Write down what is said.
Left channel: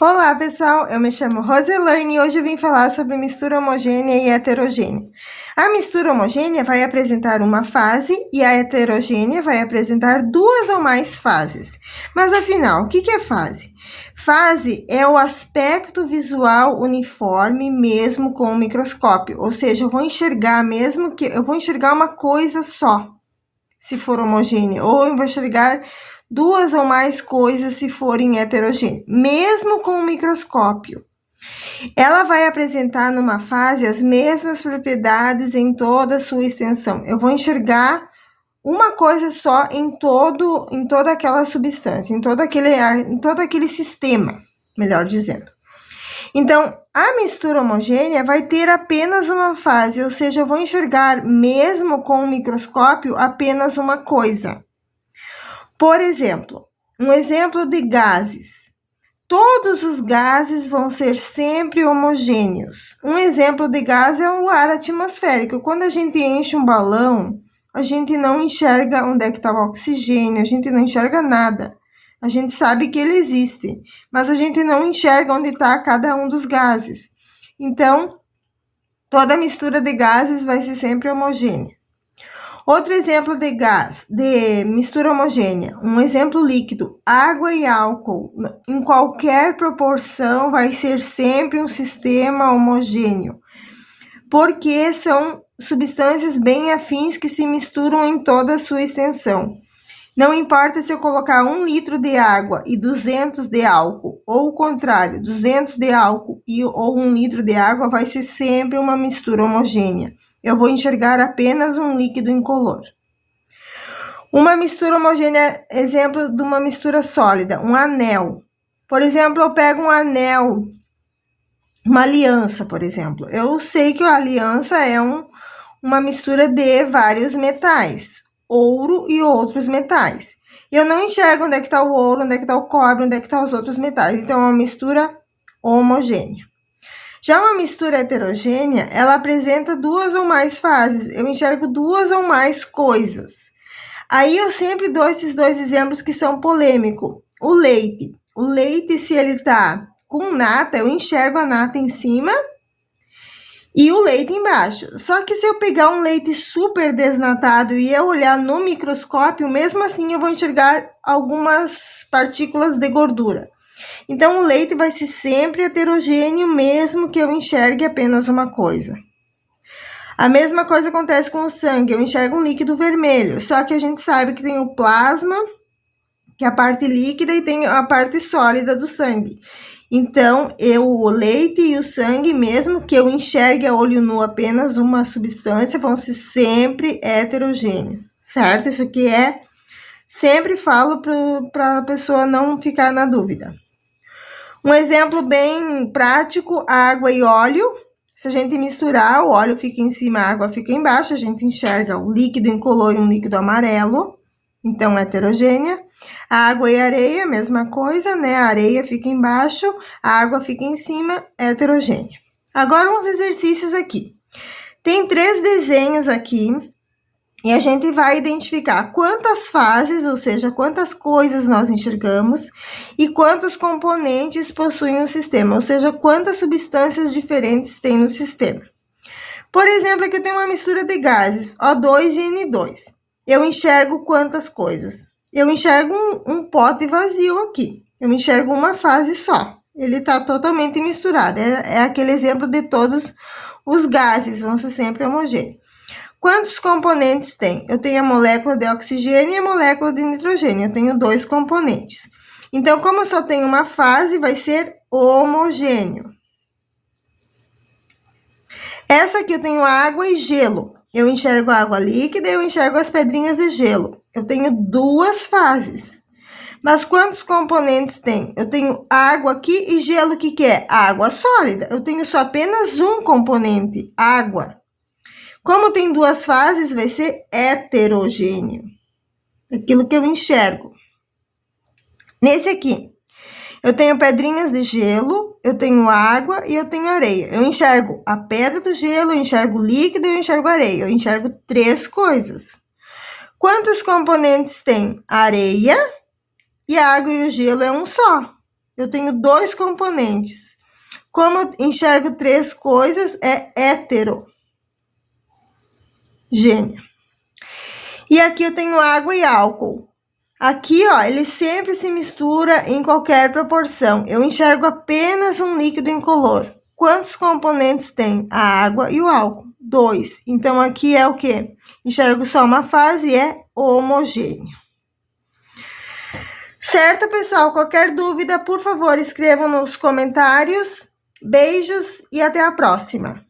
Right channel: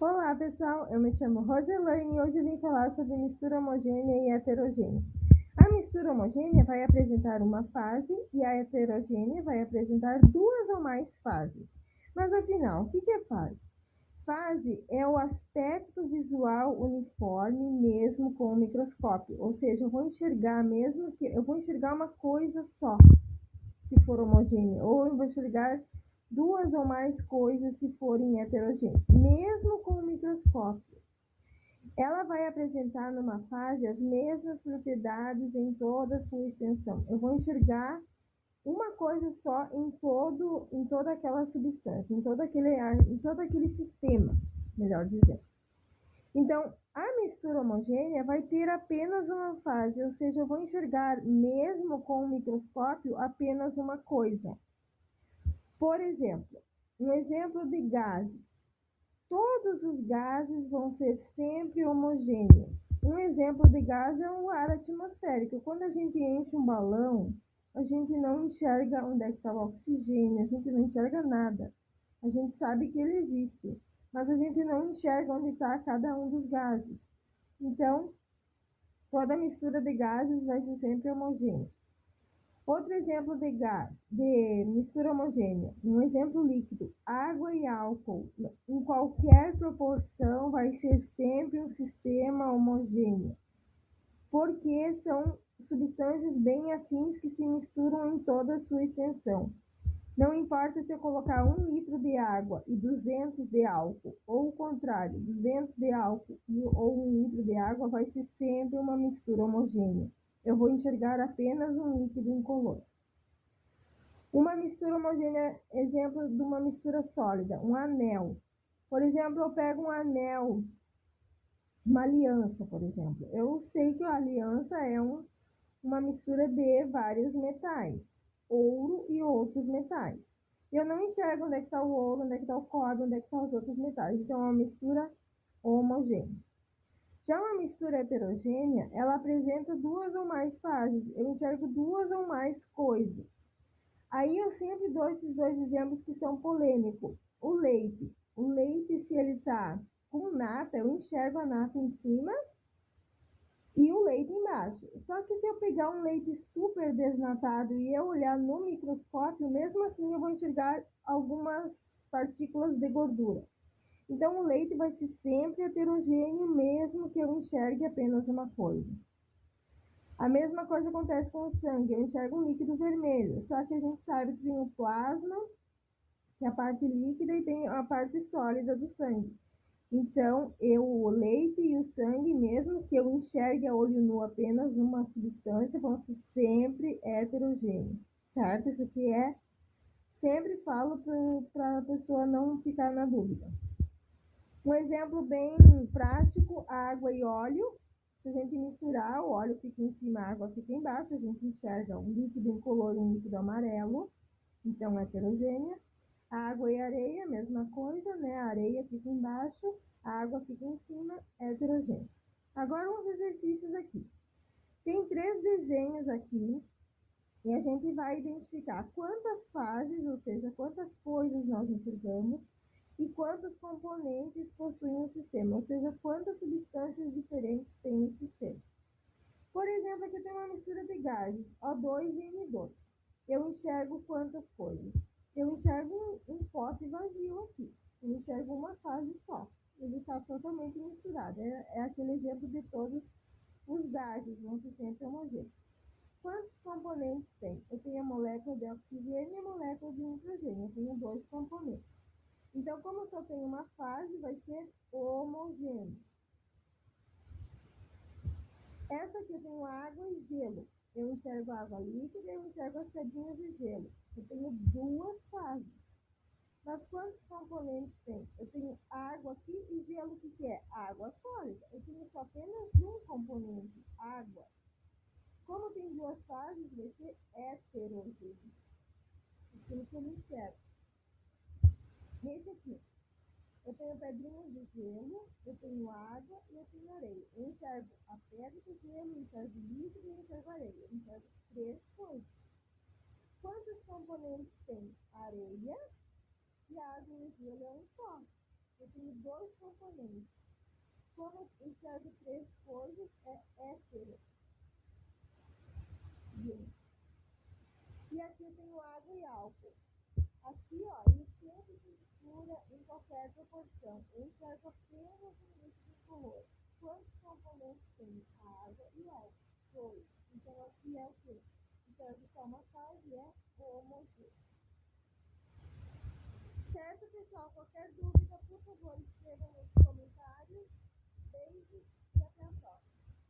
Olá, pessoal. Eu me chamo Roselaine e hoje eu vim falar sobre mistura homogênea e heterogênea. A mistura homogênea vai apresentar uma fase e a heterogênea vai apresentar duas ou mais fases. Mas afinal, o que é fase? Fase é o aspecto visual uniforme mesmo com o microscópio, ou seja, eu vou enxergar uma coisa só, se for homogênea, ou eu vou enxergar duas ou mais coisas se forem heterogêneas, mesmo com o microscópio. Ela vai apresentar numa fase as mesmas propriedades em toda a sua extensão. Eu vou enxergar uma coisa só em toda aquela substância, em todo aquele sistema, melhor dizendo. Então, a mistura homogênea vai ter apenas uma fase, ou seja, eu vou enxergar, mesmo com o microscópio, apenas uma coisa. Por exemplo, um exemplo de gases. Todos os gases vão ser sempre homogêneos. Um exemplo de gás é o ar atmosférico. Quando a gente enche um balão, a gente não enxerga onde é que está o oxigênio, a gente não enxerga nada. A gente sabe que ele existe, mas a gente não enxerga onde está cada um dos gases. Então, toda mistura de gases vai ser sempre homogênea. Outro exemplo de gás, de mistura homogênea, um exemplo líquido, água e álcool, em qualquer proporção vai ser sempre um sistema homogêneo, porque são substâncias bem afins que se misturam em toda a sua extensão. Não importa se eu colocar 1 litro de água e 200 de álcool, ou o contrário, 200 de álcool ou 1 litro de água, vai ser sempre uma mistura homogênea. Eu vou enxergar apenas um líquido incolor. Uma mistura homogênea, exemplo de uma mistura sólida, um anel. Por exemplo, eu pego um anel, uma aliança, por exemplo. Eu sei que a aliança é uma mistura de vários metais, ouro e outros metais. Eu não enxergo onde é que está o ouro, onde é que está o cobre, onde é que estão os outros metais. Então, é uma mistura homogênea. Já uma mistura heterogênea, ela apresenta duas ou mais fases. Eu enxergo duas ou mais coisas. Aí eu sempre dou esses dois exemplos que são polêmicos. O leite. O leite, se ele tá com nata, eu enxergo a nata em cima e o leite embaixo. Só que se eu pegar um leite super desnatado e eu olhar no microscópio, mesmo assim eu vou enxergar algumas partículas de gordura. Então, o leite vai ser sempre heterogêneo, mesmo que eu enxergue apenas uma coisa. A mesma coisa acontece com o sangue. Eu enxergo um líquido vermelho, só que a gente sabe que tem o plasma, que é a parte líquida, e tem a parte sólida do sangue. Então, o leite e o sangue, mesmo que eu enxergue a olho nu apenas uma substância, vão ser sempre heterogêneos, certo? Isso aqui sempre falo para a pessoa não ficar na dúvida. Um exemplo bem prático, água e óleo. Se a gente misturar, o óleo fica em cima, a água fica embaixo, a gente enxerga o líquido incolor e um líquido amarelo, então heterogênea. A água e a areia, mesma coisa, né? A areia fica embaixo, a água fica em cima, heterogênea. Agora, uns exercícios aqui. Tem 3 desenhos aqui. E a gente vai identificar quantas fases, ou seja, quantas coisas nós enxergamos e quantos componentes possuem o sistema, ou seja, quantas substâncias diferentes tem no sistema. Por exemplo, aqui eu tenho uma mistura de gases, O2 e N2. Eu enxergo quantas coisas? Eu enxergo um pote vazio aqui. Eu enxergo uma fase só. Ele está totalmente misturado. É aquele exemplo de todos os gases, vão ser sempre homogêneos. Quantos componentes tem? Eu tenho a molécula de oxigênio e a molécula de nitrogênio. Eu tenho 2 componentes. Então, como eu só tenho uma fase, vai ser homogêneo. Essa aqui eu tenho água e gelo. Eu enxergo a água líquida e eu enxergo as pedrinhas de gelo. Eu tenho 2 fases. Mas quantos componentes tem? Eu tenho água aqui e gelo, o que é? Água sólida. Eu tenho só apenas um componente, água. Como tem 2 fases, vai ser heterogêneo. Aquilo que eu enxergo. Nesse aqui, eu tenho pedrinhas de gelo, eu tenho água e eu tenho areia. Eu enxergo a pedra do gelo, eu enxergo o líquido e eu enxergo a areia. Eu enxergo 3 coisas. Quantos componentes tem? A areia e a água e o gelo é um só. Eu tenho 2 componentes. Como eu enxergo 3 coisas, é heterogênea. E aqui eu tenho água e álcool. Aqui, ó, ele sempre se mistura em qualquer proporção. Eu enxergo apenas um líquido incolor. Quantos componentes tem a água e o álcool? 2. Então, aqui é o quê? Enxergo só uma fase, é homogêneo. Certo, pessoal? Qualquer dúvida, por favor, escrevam nos comentários. Beijos e até a próxima!